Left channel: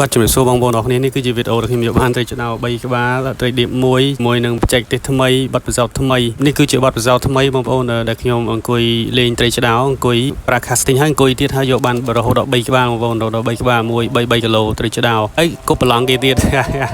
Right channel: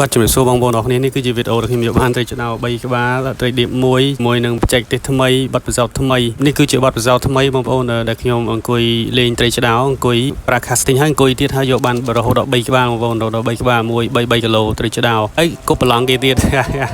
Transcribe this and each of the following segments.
បាទជំរាបសួរបងប្អូនអរគ្នានេះគឺជាវីដេអូរបស់ខ្ញុំយកបានត្រីឆ្ដោ3ក្បាលត្រីឌៀបមួយនឹងបច្ចេកទេសថ្មីបទពិសោធន៍ថ្មីនេះគឺជាបទពិសោធន៍ថ្មីបងប្អូនដែលខ្ញុំអង្គុយលេងត្រីឆ្ដោអង្គុយប្រើ casting ហើយអង្គុយទៀតហើយយកបានរហូតដល់3ក្បាលបងប្អូនដល់3ក្បាល3គីឡូត្រីឆ្ដោហើយគប់ប្រឡងគេទៀត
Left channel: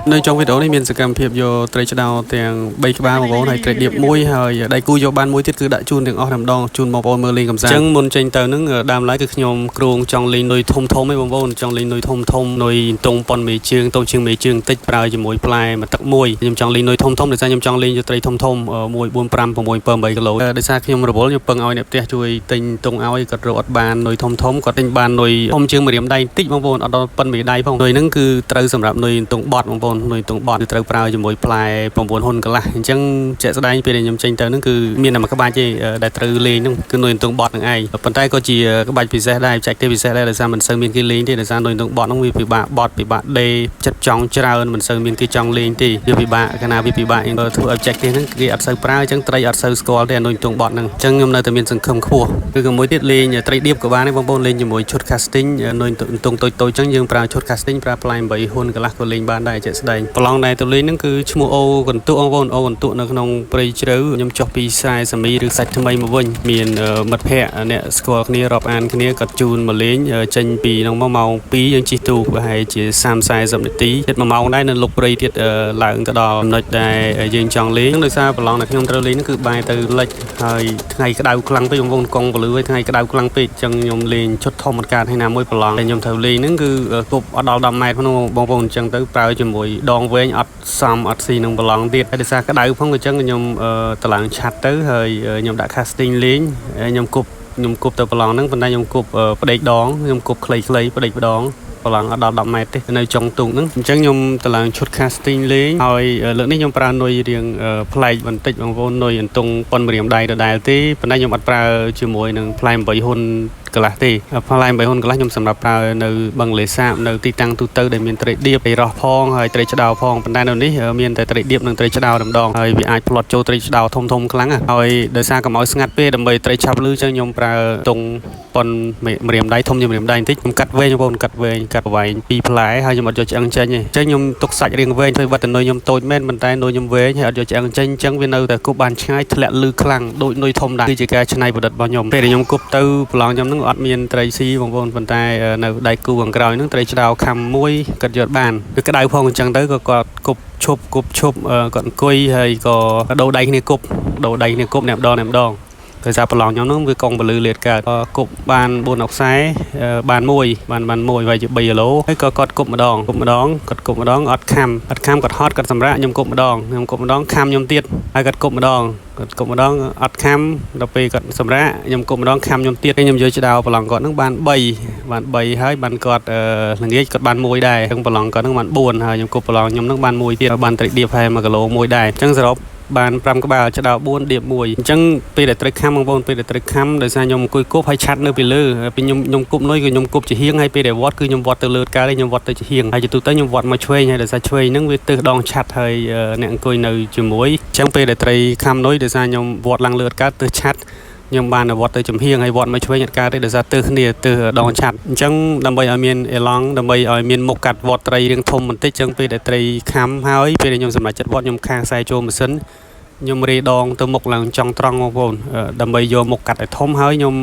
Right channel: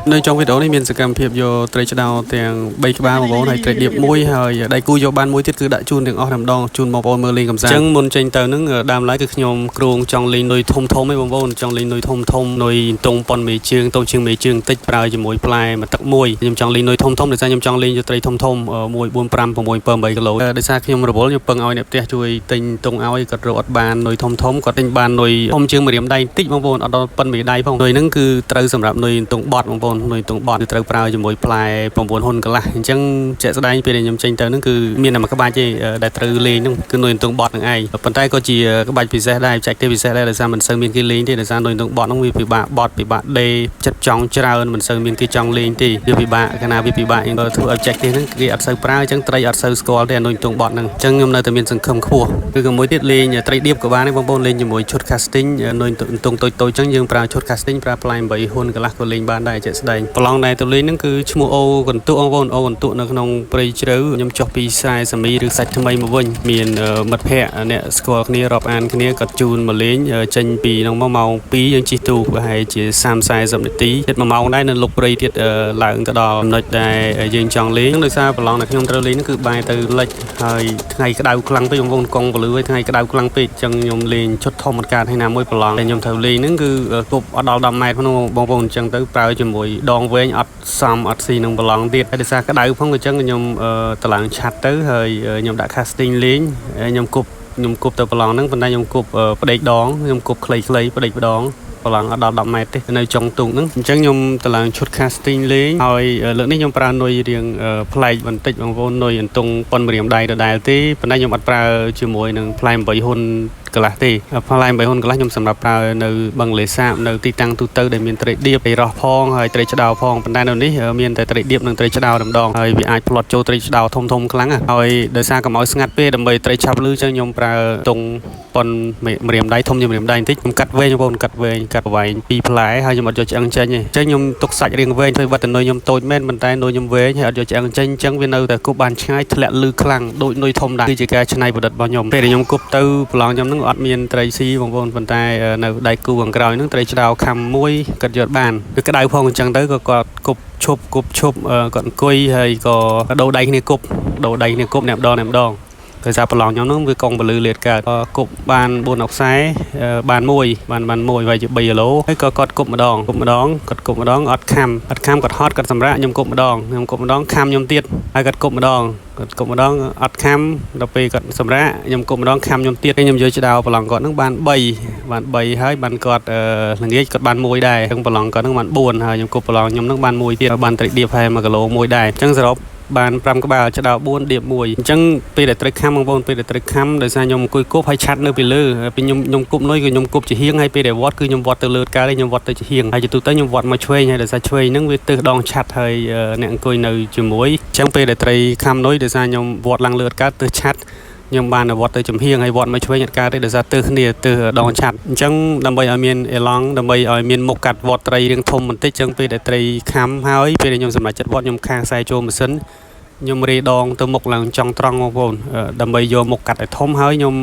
នៅtrongវីដេអូនេះមានសកម្មភាពយកត្រីឆ្ដោទាំង3ក្បាលបងប្អូនហើយត្រីឌៀបមួយហើយដៃគូយកបានមួយទៀតគឺដាក់ជូនទាំងអស់តែម្ដងជូនបងប្អូនមើលលេងកំសាន្តអញ្ចឹងមុនចេញទៅនឹងដើមឡើយគឺខ្ញុំគ្រោងចង់លេងនុយធំៗឯងបងប្អូនចង់លេងនុយធំនុយតុងប៉ុនមេជើងតូចជាងមេជើងតិចប្រើជាមួយផ្លែមួយទឹកមួយខ្ញុំចង់លេងនុយធំដោយសារខ្ញុំចង់លេងយកត្រីធំ1 4 5 6 7 8គីឡូដោយសារខ្ញុំរវល់ខ្ញុំពឹងឲ្យអ្នកផ្ទះជួយទិញតុងឲ្យគាត់រកអត់បាននុយធំគាត់ទិញបាននុយធំជាងម្រាមដៃតិចបងប្អូនអត់ដល់ប៉ុនមេដៃផងនុយហ្នឹងគឺត្រូវសម្រាប់នុយតុងបត់បងប្អូននុយតុងបត់គឺត្រូវប្រើជាមួយផ្លែ9ហ៊ុនកន្លះអញ្ចឹងជាក់ស្ដែងពេលដែលខ្ញុំចេញទៅហ្នឹងគឺមានតែមួយក្បាច់ទេដែលត្រូវលេងហ្នឹងគឺនុយតុងបត់ហ្នឹងឯងប៉ុន្តែក៏ជាក្បាច់ពិសេសដែរបច្ចេកទេសពិសេសដែរដោយសារមិនសូវមានគេលេងទេដោយសារនុយតុងបត់ហ្នឹងវាពិបាកបត់ពិបាកដេចិត្តចង់ច្រើនមិនសូវមានគេចង់លេងទេវាពិបាកកាលណាវាពិបាកយើងធ្វើឲ្យបច្ចេកទេសហ្នឹងគេអត់សូវប្រើអញ្ចឹងត្រីអត់សូវស្គាល់ទេនុយតុងបត់ហ្នឹងអញ្ចឹងខ្ញុំនៅតែមានសង្ឃឹមខ្ពស់ឬក៏មួយទៀតលេងត្រីឌៀបក៏បានដែរបងប្អូនលេងជាមួយឈុត casting នុយតុងតូចអញ្ចឹងយើងប្រើឈុត casting ប្រើផ្លែ8ហ៊ុនកន្លះក៏លេងបានដែរជាក់ស្ដែងប្រឡងដែរទៅលេងហ្នឹងគឺឈ្មោះអូកន្ទុកបងប្អូនអូកន្ទុកនៅក្នុងព្រៃជ្រៅខ្ញុំចុះពីខ្សែសាមីឬសាច់ថ្មីមកវិញមានមិត្តភ័ក្តិអ្នកស្គាល់គ្នារាប់អានគ្នាគាត់ជូនមកលេងចេញពីក្នុងម៉ោង2យើងជិះទូកប្រហែលជា30-40នាទីទៀត1ម៉ោងដែរនៅលុកព្រៃទៀតឡើងទៅដល់ចំណុចដែលយើងចង់លេងដោយសារប្រឡងដែលខ្ញុំត្រូវលេងហ្នឹងគឺបែរទៅលិចហើយថ្ងៃក្តៅខ្លាំងពេកបងប្អូនកង់ពលឺហើយថ្ងៃក្តៅខ្លាំងពេកអញ្ចឹងខ្ញុំលេងឈុតធំអត់កើតហើយណាមួយប្រឡងដែលខ្ញុំត្រូវលេងហ្នឹងគឺគប់អត់ដល់10ម៉ែត្រផងបងប្អូនអញ្ចឹងទៅប្រើជាមួយដងវែងអត់សមអត់ស៊ីនឹងប្រឡងទៀតហើយដោយសារក្តៅផងអញ្ចឹងខ្ញុំទៅឡើងឆាត់ទៅហើយខ្ញុំដាក់ casting លេងខ្ញុំគប់ទៅប្រឡងហ្នឹងប៉ុន្តែខ្ញុំគប់ផ្ដេកដងខ្ញុំគប់ខ្លីៗផ្ដេកម្ដងប្រឡងអត់ដល់10ម៉ែត្រទេនៅចុងទូកហ្នឹងអញ្ចឹងខ្ញុំទៅឡើងឈុត casting លេងហើយលើកនេះខ្ញុំប្រើនុយរៀងប្លែកបន្តិចបងប្អូននុយអន្ទង់ប៉ុនម្រាមដៃដដែលទេប៉ុន្តែខ្ញុំអត់ប្រើជាមួយនឹងផ្លែ8ហ៊ុនកន្លះទេផ្លែ8ហ៊ុនកន្លះខ្ញុំសម្រាប់ប្រើនៅបឹងលេសាបនៅទីតាំងទូទៅដែលមានត្រីឌៀបត្រីរ៉ស់ផងហើយត្រីឆ្ដោផងប៉ុន្តែនៅនេះមានតែត្រីឌៀបនិងត្រីឆ្ដោតែម្ដងហើយវាអាចផ្លត់ចូលត្រីឆ្ដោធំខ្លាំងហើយដោយសារកុំឲ្យស្ងាត់ពេកដើម្បីត្រីឆាប់លឺអញ្ចឹងខ្ញុំប្រើតុងប៉ុនម្រាមដៃធំជាងម្រាមដៃបន្តិចខ្ញុំកាត់វែងបងប្អូនកាត់វែង2ផ្លែហើយខ្ញុំអត់យកឆ្អឹងចេញទេអញ្ចឹងខ្ញុំទុកសាច់រៀងវែងធ្វើវត្តនុយខ្ញុំតូចមែនប៉ុន្តែនុយខ្ញុំវែងហើយអត់យកឆ្អឹងចេញអញ្ចឹងវានៅតែគប់បានឆ្ងាយធ្លាក់លឺខ្លាំងដូចនុយធំដែរគឺជាការច្នៃប្រឌិតរបស់ខ្ញុំពេលដែលខ្ញុំគប់ទៅប្រឡងខ្ញុំហ្នឹងអត់មានត្រីស៊ីបងប្អូនប៉ុន្តែនៅដៃគូខាងក្រោយហ្នឹងត្រីឆ្ដោខំមួយគាត់យកបានគឺក្តៅផងអញ្ចឹងទៅក៏គាត់គប់ឈប់គាត់អង្គុយហើយក៏ដូរដៃគ្នាគប់អ្នកម្ដងដោយសារប្រឡងខ្ញុំហ្នឹងវាកង់ពលឺលេតកើតគប់បាន4អុកខ្សែបានមួយវាយជា3គីឡូហើយក៏គាត់គប់ម្ដងអត់ខំគាត់ហត់គាត់សម្រាកខ្ញុំគប់ម្ដងខំខ្ញុំទៀតហើយគាត់គប់ម្ដងអត់ខំដល់ពេលគាត់សម្រាកខ្ញុំគប់ម្ដងខំខ្ញុំទៀតខ្ញុំយកឆ្ដោប្រឡងគាត់ហ្នឹងបាន3ហើយបានគាត់ល្ងាចគាត់បានមួយដែរហ្នឹងប្រឡងគាត់ហ្នឹងបាន4ហើយខ្ញុំគប់ប្រឡងខ្ញុំហ្នឹងបានមួយទៀតបានត្រីឌៀបហើយ1គីឡូមួយដែរអញ្ចឹងសរុបបាន5ក្បាលឆ្ដោ4ឌៀប1អញ្ចឹងពេលដែលត្រីខំបងប្អូនពេលដែលត្រីខំដោយសារខ្ញុំអង្គុយគប់ហើយឆាត់នៅពីលើពេលខ្ញុំគប់នុយគឺខ្ញុំគប់ជាហៀងហើយពេលដែលវត្តគឺខ្ញុំវត្តទៅលើកើតហើយខ្ញុំវត្តទៅជាហៀងហើយជាទូទៅខ្ញុំវត្តមកឆ្វេងហើយដោយសារឆ្វេងហ្នឹងវាទើសដងឆាត់ហើយអ្នកអង្គុយនៅជាមួយអញ្ចឹងពេលដែលត្រីខំនុយដោយសារខ្ញុំវត្តឡើងលើកើតទើសឆាត់ខ្ញុំបានវត្តទៅចំហៀងហើយវត្តមកឆ្វេងអត់កើតទេដោយសារទើសគ្នាទើសដងឆាត់អញ្ចឹងដើម្បីឲ្យមានអេឡង់ដើម្បីឲ្យមានមុខកាត់វត្តត្រីរៀងធំបន្តិចអញ្ចឹងពេលដែលត្រីខំហើយពេលដែលខ្ញុំសម្រេចចិត្តវត្តខ្ញុំខាងខ្សែចូលម៉ាស៊ីនខ្ញុំរេដងទៅមុខឡើងចង់ត្រង់បងប្អូនដើម្បីយកមុខកាត់ឲ្យធំហើយខ្ញុំ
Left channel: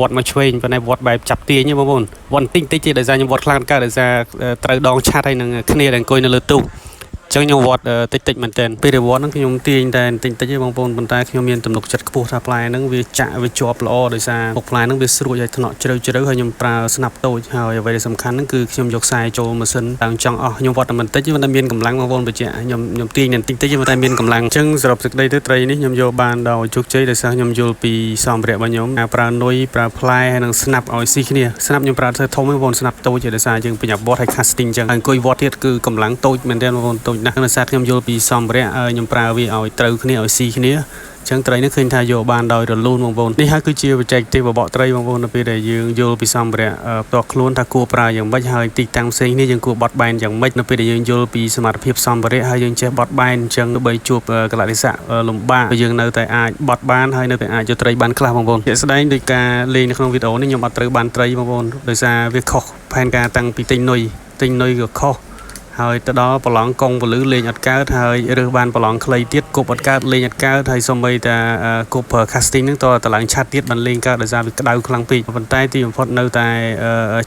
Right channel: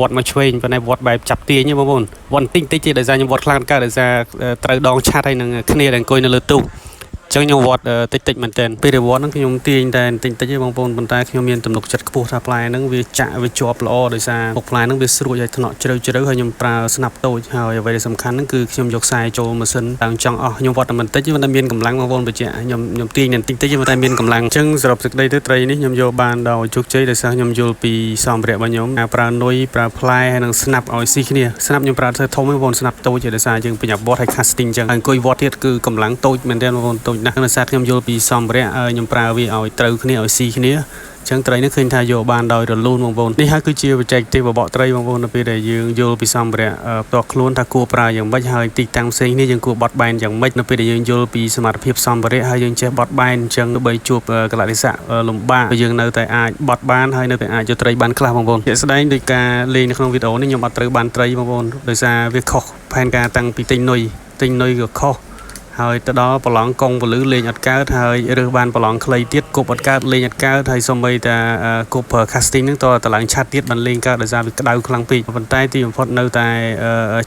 វត្តមកឆ្វេងប៉ុន្តែវត្តបែបចាប់ទាញទេបងប្អូនវត្តតិចទេដោយសារខ្ញុំវត្តខ្លាំងកើតដោយសារត្រូវដងឆាត់ហើយនឹងគ្នាដែលអង្គុយនៅលើទូកអញ្ចឹងខ្ញុំវត្តតិចមែនតើពេលដែលវត្តហ្នឹងខ្ញុំទាញតែតិចទេបងប្អូនប៉ុន្តែខ្ញុំមានទំនុកចិត្តខ្ពស់ថាផ្លែហ្នឹងវាចាក់វាជាប់ល្អដោយសារមុខផ្លែហ្នឹងវាស្រួចហើយថ្នាក់ជ្រៅហើយខ្ញុំប្រើស្នាប់តូចហើយអ្វីដែលសំខាន់ហ្នឹងគឺខ្ញុំយកខ្សែចូលម៉ាស៊ីនឡើងចង់អស់ខ្ញុំវត្តតែមិនតិចតែមានកម្លាំងបងប្អូនបញ្ជាក់ខ្ញុំទាញតែតិចតែមានកម្លាំងអញ្ចឹងសរុបសេចក្តីទៅត្រីនេះខ្ញុំយកបានដោយជោគជ័យដោយសារខ្ញុំយល់ពីសម្ភារៈរបស់ខ្ញុំប្រើនុយប្រើផ្លែហើយនឹងស្នាប់ឲ្យស៊ីគ្នាស្នាប់ខ្ញុំប្រើធ្វើធំបងប្អូនស្នាប់តូចដោយសារយើងបញ្ញាប់វត្តហើយ casting អញ្ចឹងហើយអង្គុយវត្តទៀតគឺកម្លាំងតូចមែនទែនបងប្អូនតូចណាស់ដោយសារខ្ញុំយល់ពីសម្ភារៈខ្ញុំប្រើវាឲ្យត្រូវគ្នាឲ្យស៊ីគ្នាអញ្ចឹងត្រីនេះឃើញថាយកបានដោយរលូនបងប្អូននេះហើយគឺជាបច្ចេកទេសបបកត្រីបងប្អូននៅពេលដែលយើងយល់ពីសម្ភារៈផ្ទាល់ខ្លួនថាគួរប្រើយ៉ាងម៉េចហើយទីតាំងផ្សេងនេះយើងគួរបត់បែនយ៉ាងម៉េចនៅពេលដែលយើងយល់ពីសមត្ថភាពសម្ភារៈហើយយើងចេះបត់បែនអញ្ចឹងដើម្បីជួបកលៈទេសៈលំបាកយើងនៅតែអាចបត់បានហើយនៅតែអាចយកត្រីបានខ្លះបងប្អូនជាក់ស្ដែងដោយការលេងនៅក្នុងវីដេអូនេះខ្ញុំអត់ត្រូវបានត្រីបងប្អូនដោយសារវាខុសផែនការតាំងពីទិញនុយ casting នុយក៏ខុសហើយទៅដល់ប្រឡងកងពលឺលេងអត់កើតហើយរើសបានប្រឡងខ្លីទៀតគប់អត់កើតលេងអត់កើតហើយសូម្បីតែគប់ casting ហ្នឹងតើឡើងឆាត់ទៀតបានលេងកើតដោយសារវាក្តៅខ្លាំងពេកប៉ុន្តែទីបំផុតនៅតែ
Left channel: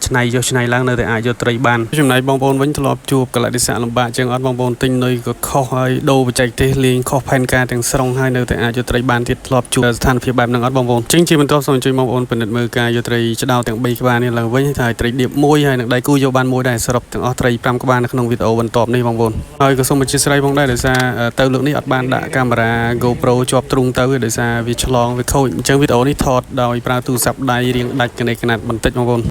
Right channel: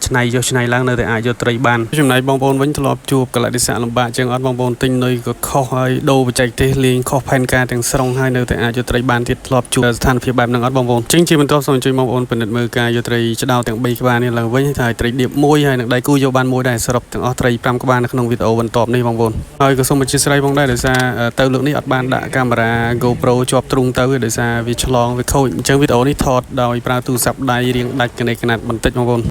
ឆ្នៃយកឆ្នៃឡើងនៅតែអាចយកត្រីបានចំណែកបងប្អូនវិញធ្លាប់ជួបកលៈទេសៈលំបាកជាងអត់បងប្អូនទិញនុយក៏ខុសហើយដូរបច្ចេកទេសលេងខុសផែនការទាំងស្រុងហើយនៅតែអាចយកត្រីបានទៀតធ្លាប់ជួបស្ថានភាពបែបហ្នឹងអត់បងប្អូនចឹងជាបន្ទាប់សូមអញ្ជើញបងប្អូនពិនិត្យមើលការយកត្រីឆ្ដោទាំង3ក្បាលនេះឡើងវិញហើយត្រីដៀបមួយហើយនឹងដៃគូយកបានមួយដែរសរុបទាំងអស់ត្រី5ក្បាលនៅក្នុងវីដេអូបន្ទាប់នេះបងប្អូនហើយក៏សូមអធិស្ឋានផងដែរដោយសារទៅលើកនេះអត់បានដាក់កាមេរ៉ា GoPro ជាប់ទ្រូងទៅដោយសារវាឆ្លងវាខូចអញ្ចឹងវីដេអូនេះថតដោយប្រើទូរស័ព្ទដៃរៀងដាច់កណេកណាត់បន្តិចបងប្អូន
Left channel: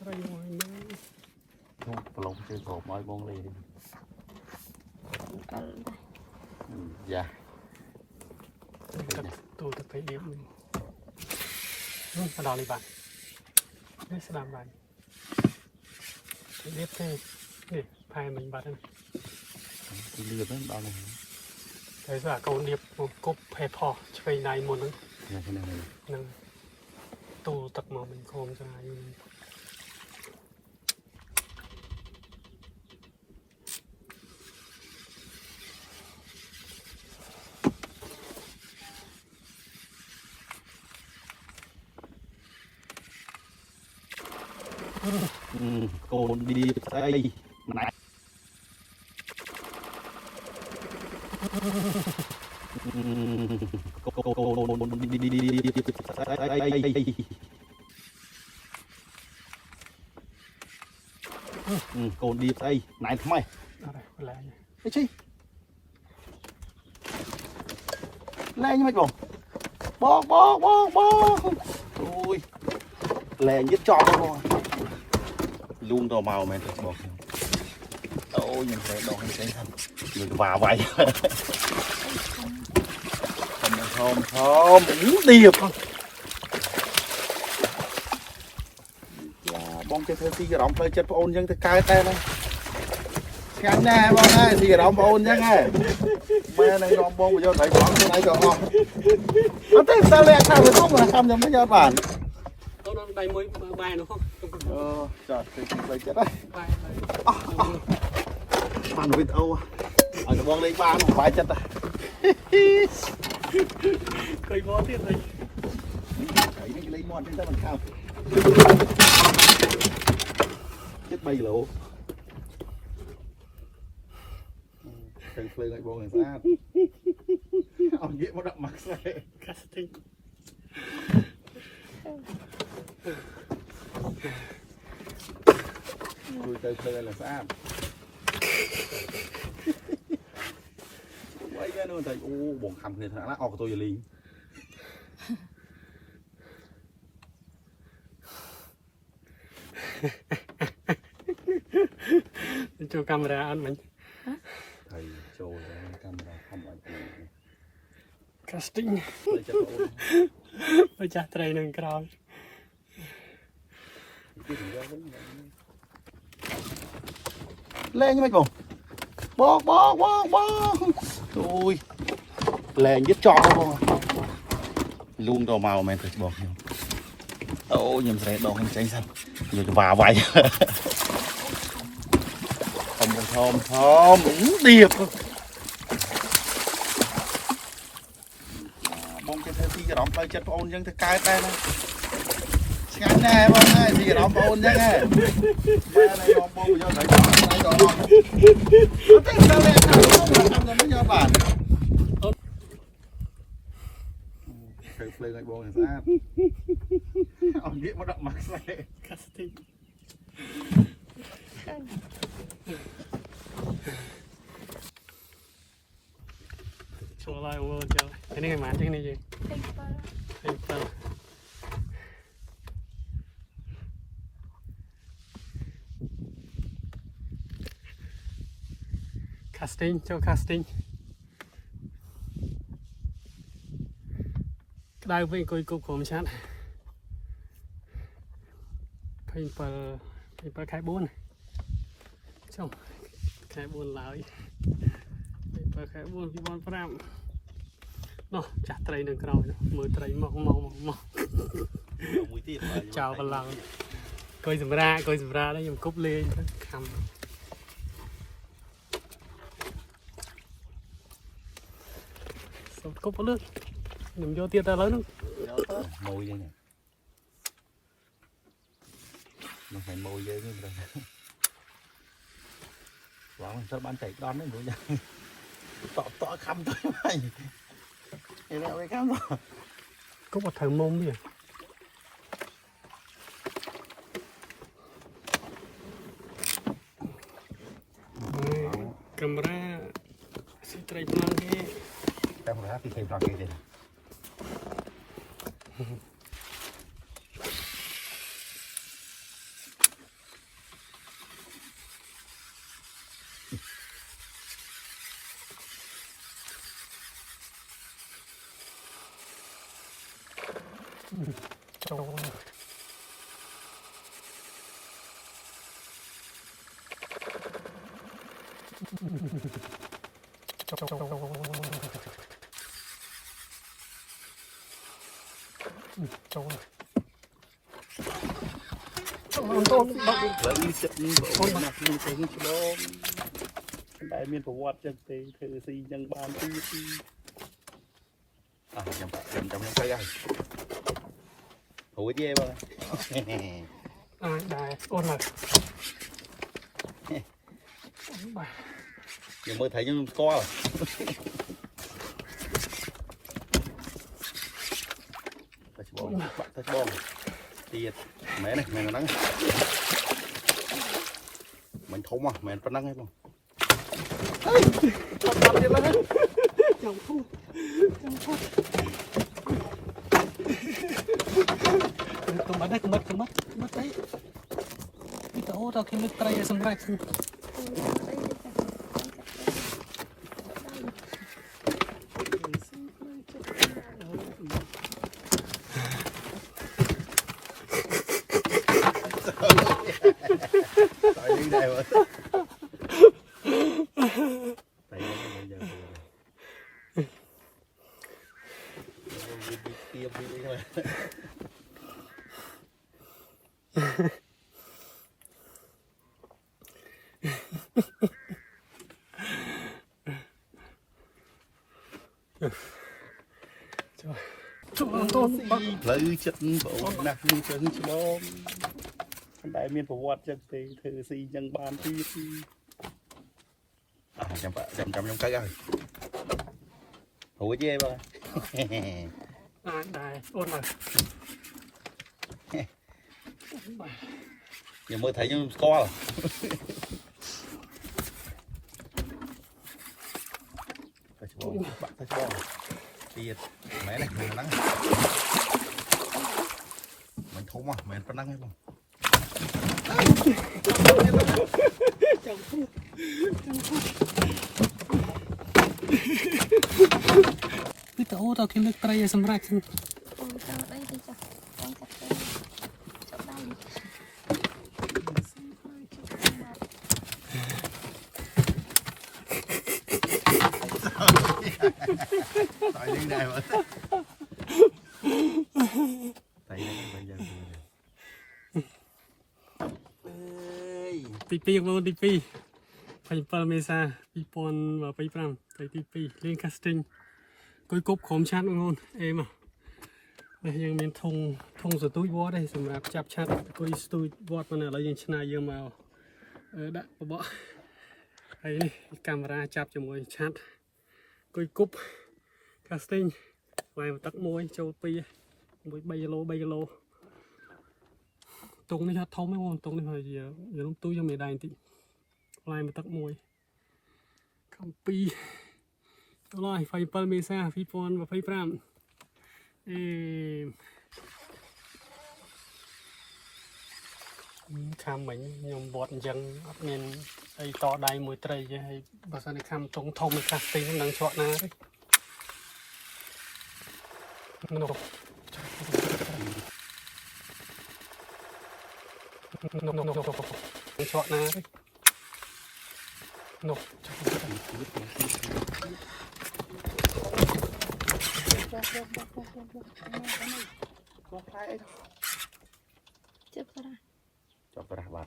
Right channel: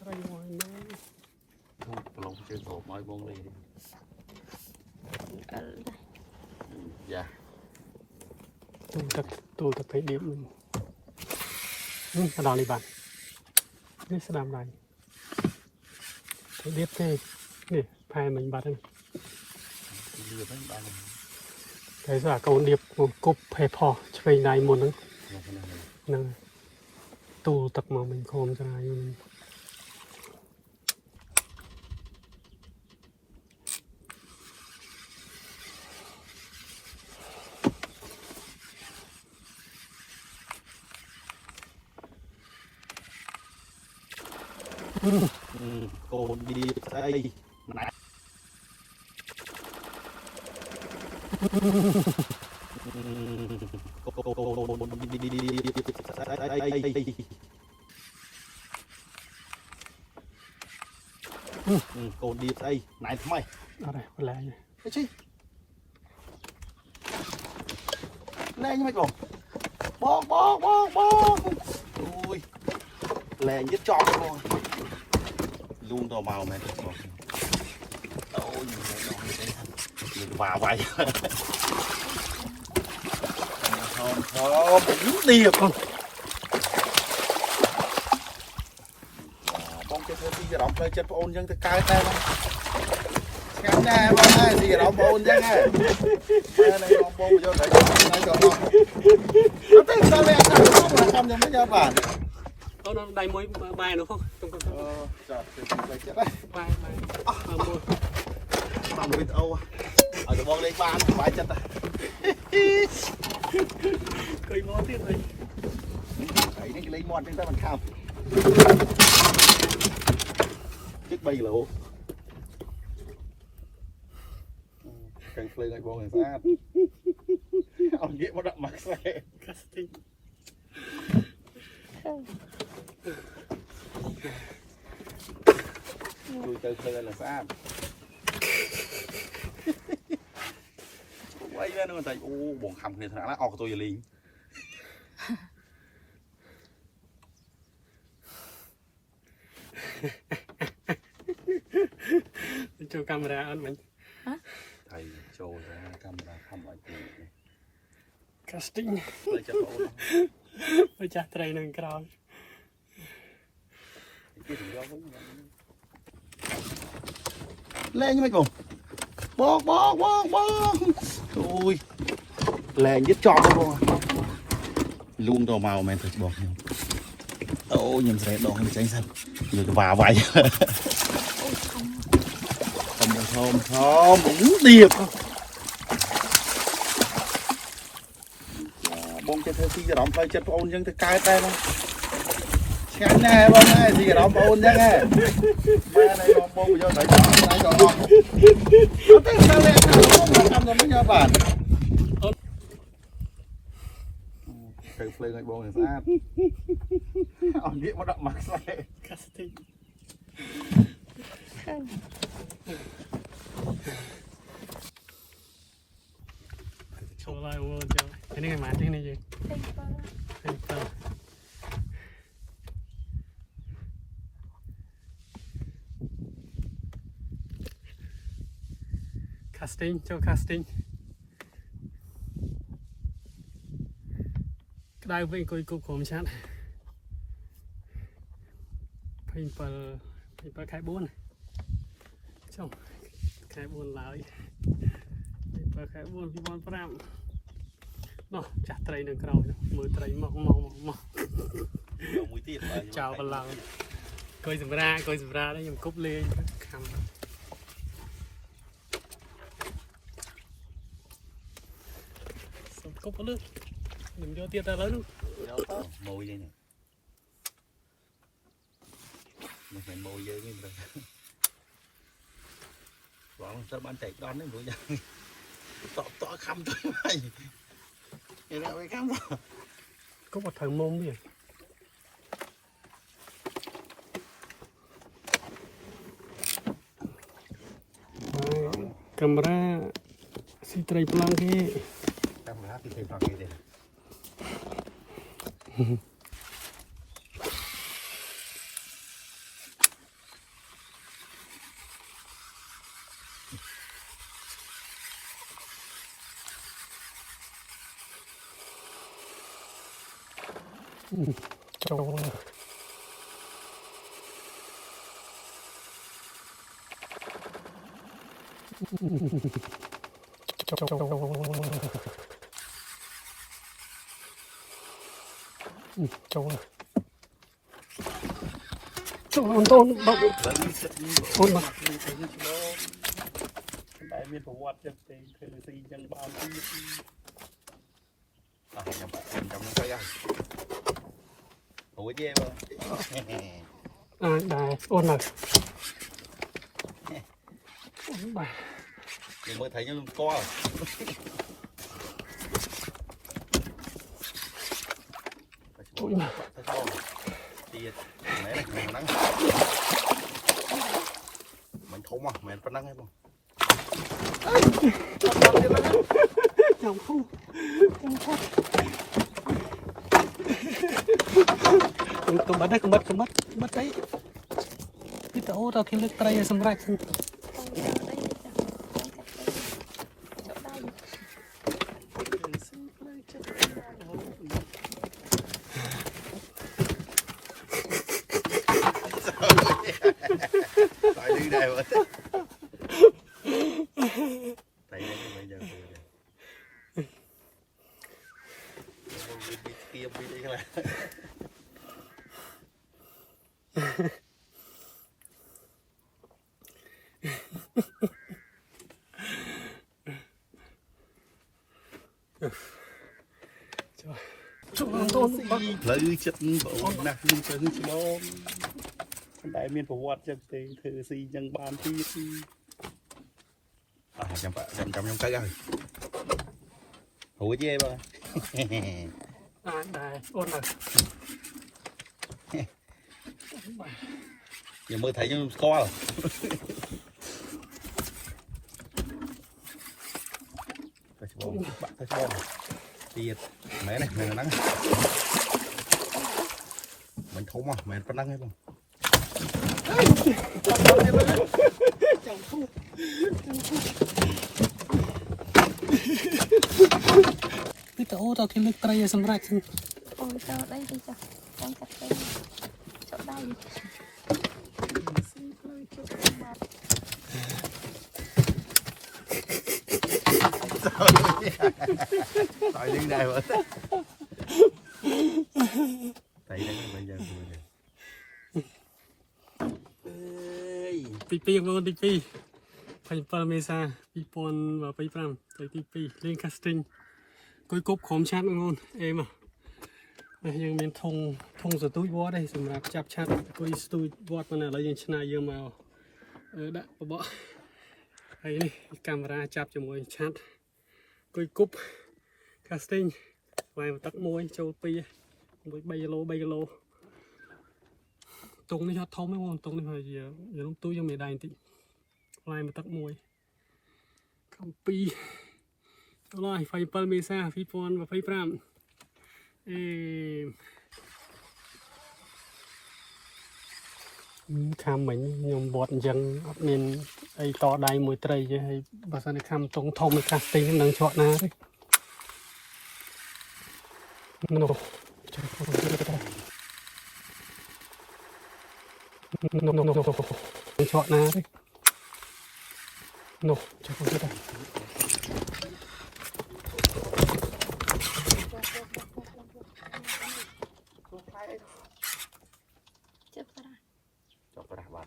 ត្រីមួយហ្នឹងប្រឡងជើងប្រហមឲ្យបងលេយ៉ាទូទៅពេលដៀបនេះស្ដាំនេះបាទនេះស្ដាំដែរដៀបទេនេះផែមិញបាត់ហ្នឹងដៀបហ្នឹងដល់ហើយស្អាកូនដៀបគប់ផេផោះឆ្វេងដៃមុនហ្នឹងទូទឹកមកមិញខំស្រាយកូនឌីស្អីណាកូនឌីស្អីណៃថ្មីអត់ទេឡើងអីជីលែងមិនបងអូយលែងយឹតចង់បងលូមទៅមកមែនបងអូយខ្ញុំតែដងនេះហ្នឹងយើងវ៉ាវាយហមឌីបបងចេះធ្វើទីអារម្មណ៍ផ្លូវចិត្តបងអូនអញ្ចឹងទៅកើតតែបងឆ្ងាញ់ណាស់បងហើយទីអារម្មណ៍បងអូនអញ្ចឹងហើយមែនហើយបងយកដៃទៅដៃក៏អស់អត់ទេតើវាថាបងខ្ញុំយ៉ាងមិនយកបានអូនដៃមួយម៉ែនោះអូចាទីផ្លូវចិត្តហើយបានវីដេអូឲ្យទៅបងលេងបានសប្បាយចិត្តឃើញមកទៀតហើយនេះលេងមកចឹងទៅមិនខោជិត3គីឡូខាងភ្លើងឲ្យបងស្អាតអត់និយាយមកដាក់មកខ្សែកាស្ទីងជួយទៅភ្លើងឲ្យស្អាតវាយទៅនោះតែអូបងខំគ្នាថ្នាក់ណាអស់កតុយលីចូលកាមេរ៉ាអត់មិញថៃចូលកាមេរ៉ាខំឲ្យទី casting ទៅចាប់អូនទៅចាស់ត្រីនឹងក្រោយលែងមិនបងអូយលែងយឹតចង់បងលូមទៅមកមែនទៅបងខ្ញុំអូខ្ញុំស្រែដងខ្ញុំចេញសិនយកទៅវ៉ាវាយហមឌៀបបងចេះធ្វើទីអារម្មណ៍ផ្លូវចិត្តបងអូនអញ្ចឹងទៅកើតតែហ្នឹងឆ្ងាញ់ណាស់បងហើយទីអារម្មណ៍បងអូនអញ្ចឹងហ៎មែនហើយបងយកដៃទៅដៃក៏អស់អត់ទេតើវាថាបងខ្ញុំមិនយកបានទៅភ្លើងឲ្យបងស្អាតអត់និយាយមកដាក់មកខ្សែកាស្ទីងចូលឡាយអូនចូលនេះមកទីនេះយើងcasting ចូល casting ក្តៅវិញអង្គុយគប់ក្រុមឆាត់27ខែ4ចុះ ខែ4ឡើយបើខែ4 2005នោះចាស់ត្រីនៅក្រោយមើលត្រីមកមួយទៀតចោលប្រឡងកុយសម្រាđấyខ្ញុំគប់លេងខំសុំគប់លើខ្ញុំយកទៀតតែឥឡូវហ្នឹងមួយយើងមកឲ្យមួយយើងនេះបងត្រូវបានចែកដល់ហ្នឹងវិញតខំទៅហើយឯរ៉ាវឯខំគប់អត់ត្រូវមុំទេកាមេរ៉ាស៊ីត្រីប្លង់គេកាមេរ៉ាពីត្រីប្លង់គេទេដែលមានប្រវត្តិចឹងទេធ្វើស៊ីចឹងបានទីខ្ញុំទៅហើយរួចទេបងដែរអូនឡើយយើងមើលថៃខ្ញុំផ្ទាល់ទៅច្បងទៀតមែនទេហ្នឹងមិនធំហ៎មិនប៉ុណ្ណឹងទេបងចាំភូកំបាត់អីពីតោតគេលើកត្រីសម្រាប់tại đi đây mà tại đây bây giờ kia đi đây các bạn lấy chất bộ nạc như cho hư chứ đâu đại miền phổ quát chân tê thử xì chân bàn tí chẳng cái rồi hủ chứ em đại ôn rồi giờ mới thấy nhưng to rồi bạn thấy to tiền mấy này người nắng mình thấu mà mình có nắng hay không cái tổ tao kiếm được cây sầm rạch ôi cho đây đi cho con chặt đây chỗ đây đi tại đi đây mà tại đây bây giờពី2ទី2 27 មេសា 2025 ទៅទី2លេង casting គួយគប់ក្រុមឆាត់បងអេមកនេះយើងមានធុងស្ទូចវត្តទេសម្រាប់ចាប់ឆាត់គួយស្ទូចវត្តប៉ុន្តែឥឡូវយើងឆ្នៃយកមកដាក់បបហើយនេះកាមេរ៉ាចាប់ជាមួយឆាត់គួយគប់ casting វាយទឹកមួយចូល2 3 គីឡូតុងនេះហត់ធំហ្នឹងបងតុងនេះហើយយើងទូយកមេដៃបន្តិចផ្លែមកទឹកមួយកំពីចូលហើយ27 មេសា 2025ខាំមិញខ្ញុំវត្តអញ្ចឹងអត់មានអីតដៃមួយត្រីទេហើយបើសិនតែខាំតុងធំកាសទីនឹងជាប់ណាទេនោះជាប់ណាទេ នោះជិះប្រា ចាប់ប្រាស់បាទ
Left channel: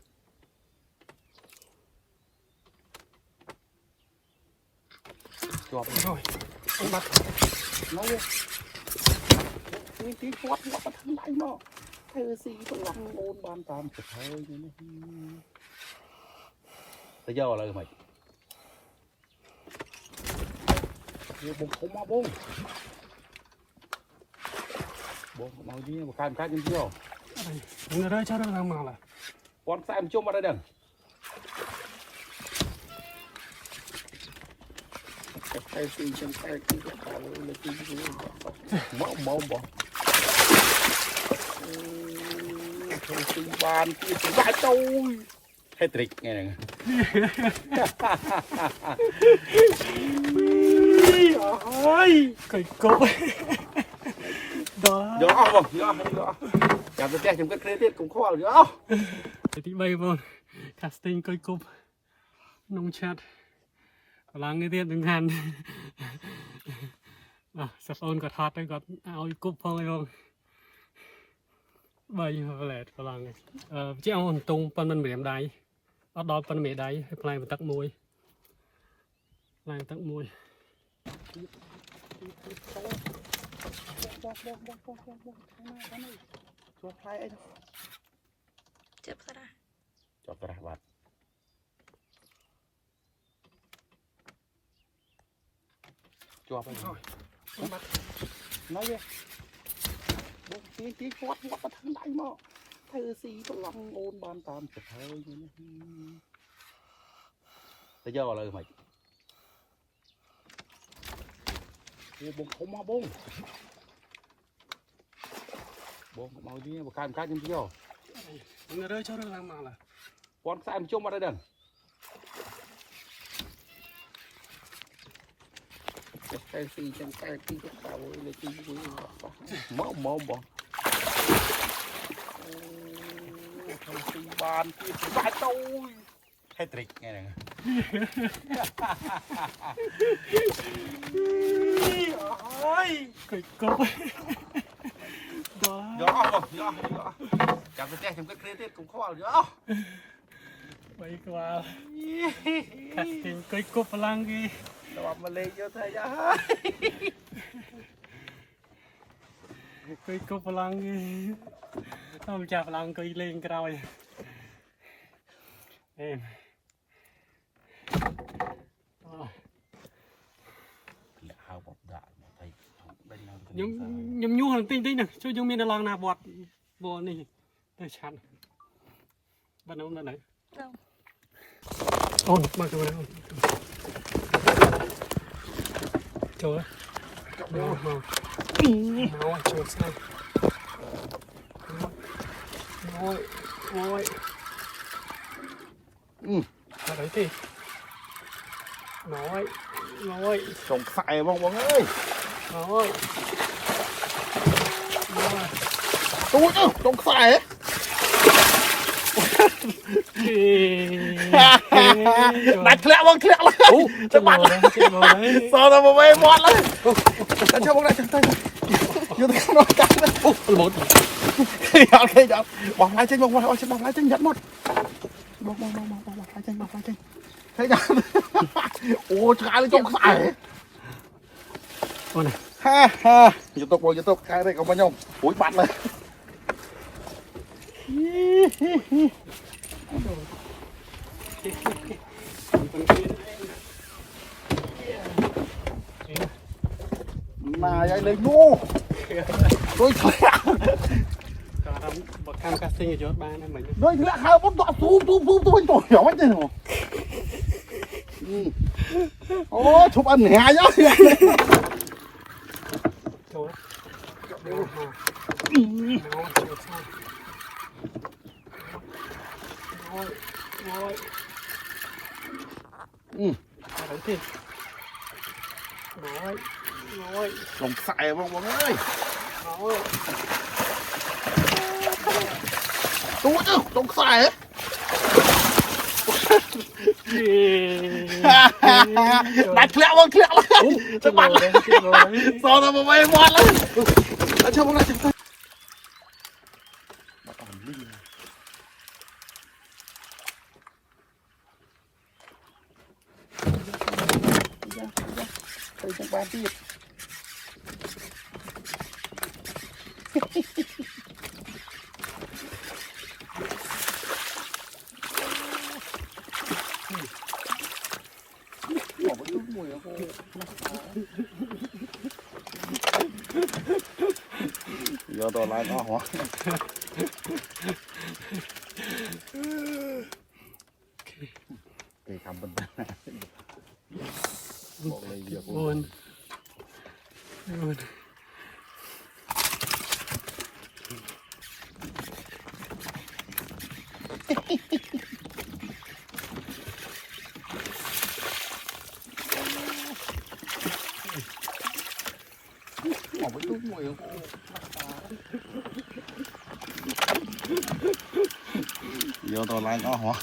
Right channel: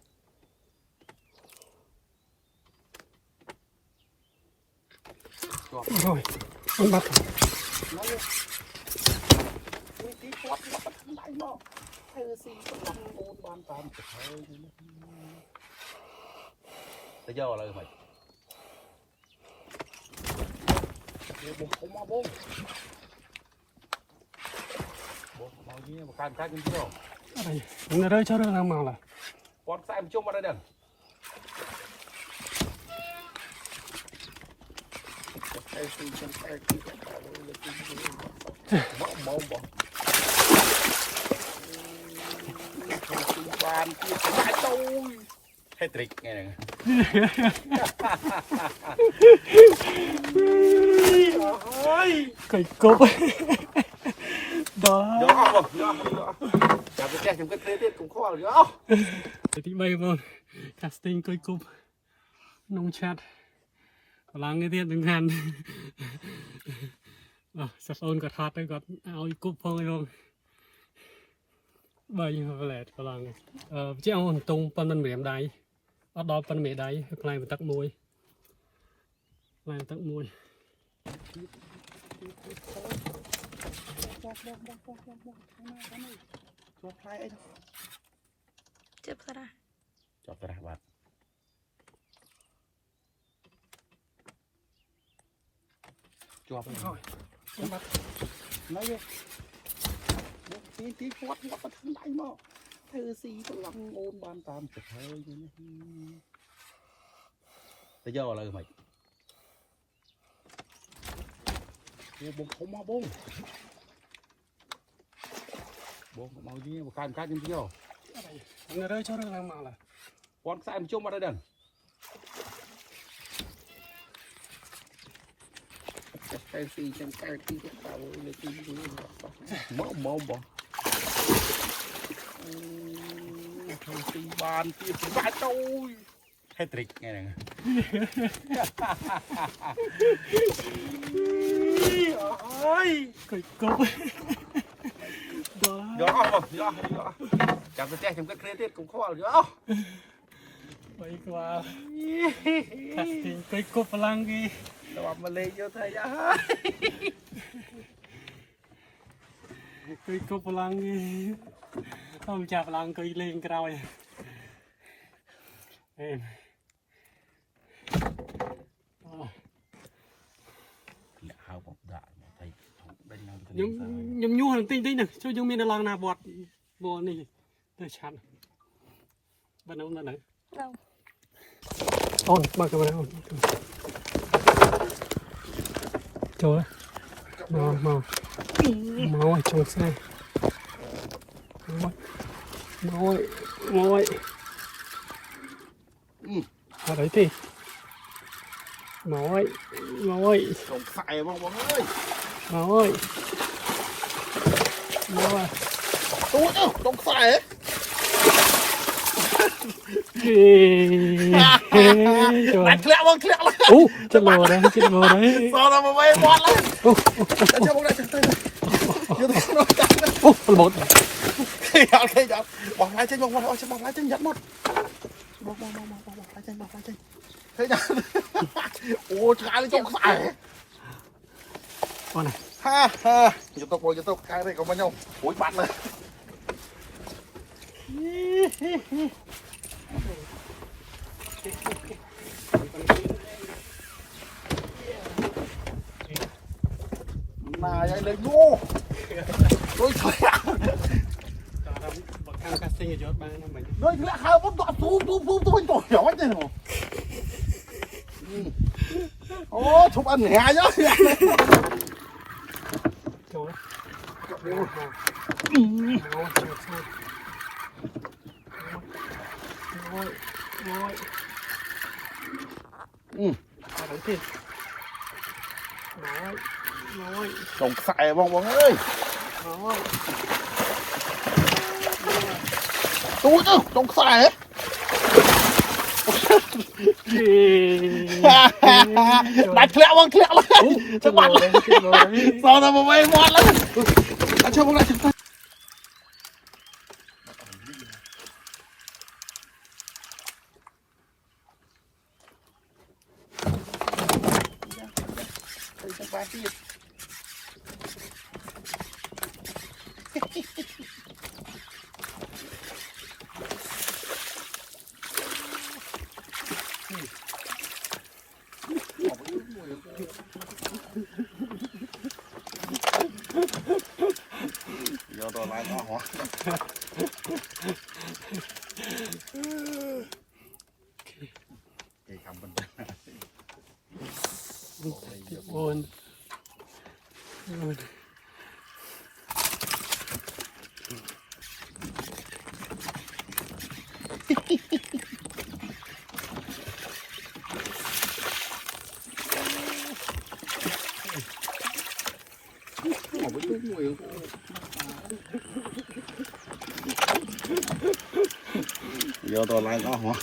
ជាប់ អូយបាត់ ទីគាត់មកខាងដៃមកធ្វើស៊ីទៅអូនបានតាមទៅហើយទៅយកឥឡូវមិនយកបងមកបងមកនេះមកកាយខ្ញុំយក រើcho nó mà là គាត់ខ្សែមជុំអត់ដែរតែទីខ្ញុំតែទីលើទីមកទីបានទីបាច់ទៅហេត្រិកហ្នឹង cây cốp đó យកអស់យកចាំទៅផ្ទះខ្ញុំគិតគ្នាទៀតកុំខ្វល់យកអស់ ទី3បង casting cây cốp ក្នុងឆាត់កម្លាំងនេះទៀតនឹងខានសាប់អូនក៏ថតទៅគាត់ឲ្យគប់ផងឯងបង3ផ្លែតកម្លាំងជាអងតុងប៉ុនមិនម្រាមដៃអត់ដល់ប៉ុនមេដៃឲ្យផ្លែបន្ទឹកមួយផ្លែបន្ទឹកមួយ ចូលផ្លែអី ជិះប្រា ចាប់ប្រាស់បាទជាប់ហើយបាត់ណៃបងទីគាត់មកខាងដៃមកធ្វើស៊ីទៅអូនបានតាមទៅហើយទៅយកឥឡូវមិនយកបងខ្ញុំមកបងមកនេះមកកាយខ្ញុំយក nó rơi cho nó làm mà là គាត់ខ្សែមជុំអត់ដែរតែទីចាំតែទីទៅលើទីមកទីបានទីបាច់ទៅហេត្រិកហ្នឹង ôi cây cốp đó យកអស់បងយកចាំទៅផ្ទះខ្ញុំគិតគ្នាទៀតកុំខ្វល់យកអស់ bay qua casting cây cốp lang gì ដល់មកលេងយកទៅយ៉ា cây cốp lang gì không chả lang cây lên cái rồi em ហៅបងដាក់ទៅដេញឡើង nhum nhu hàng tinh tinh này cho chúng mình là lang nào bọt này tôi chán bắt đầu bắt đầu đâu ôn bắt đầu ôn trời mau trời xe ngồi ở đấy thì ngồi កុំខ្សែបងអើយ ngồi អូកុំខ្សែ ដាច់ធ្លាក់បងធ្លាក់ឡើយ ចាំមកđấy សល់តែមកវិញបាត់ឡើយចាំមកដាក់ចាំទៅយកទៅមកដាក់ អូបត់ អត់គេអត់បងឡាយចេញបងឡាយចេញបងឡាយចេញយ៉ាត់មកបងឡាយចេញបងឡាយចេញឃើញដល់អូឆ្ងាយចុងខ្សែ con này ហាយកទុកបងយកទុកខែនេះក៏មកខ្ញុំរួយបាត់ឡើយ mà vậy lên ngu tôi bậc cam casting ở chỗ ba này mình tôi lại hai con bọ tôi tôi nhỏ thế nào ô chụp ăn hè nhá chỗ đấy thì nói trồng xài bông bông ơi nói ui trồng xài đấy Đặt lẹo luôn Chắc bắn sao tao mà bay bắn lên chưa không lại giờ đồ lại nó hả cái cắm bên Buồn. Buồn. giờ đồ lại nó hả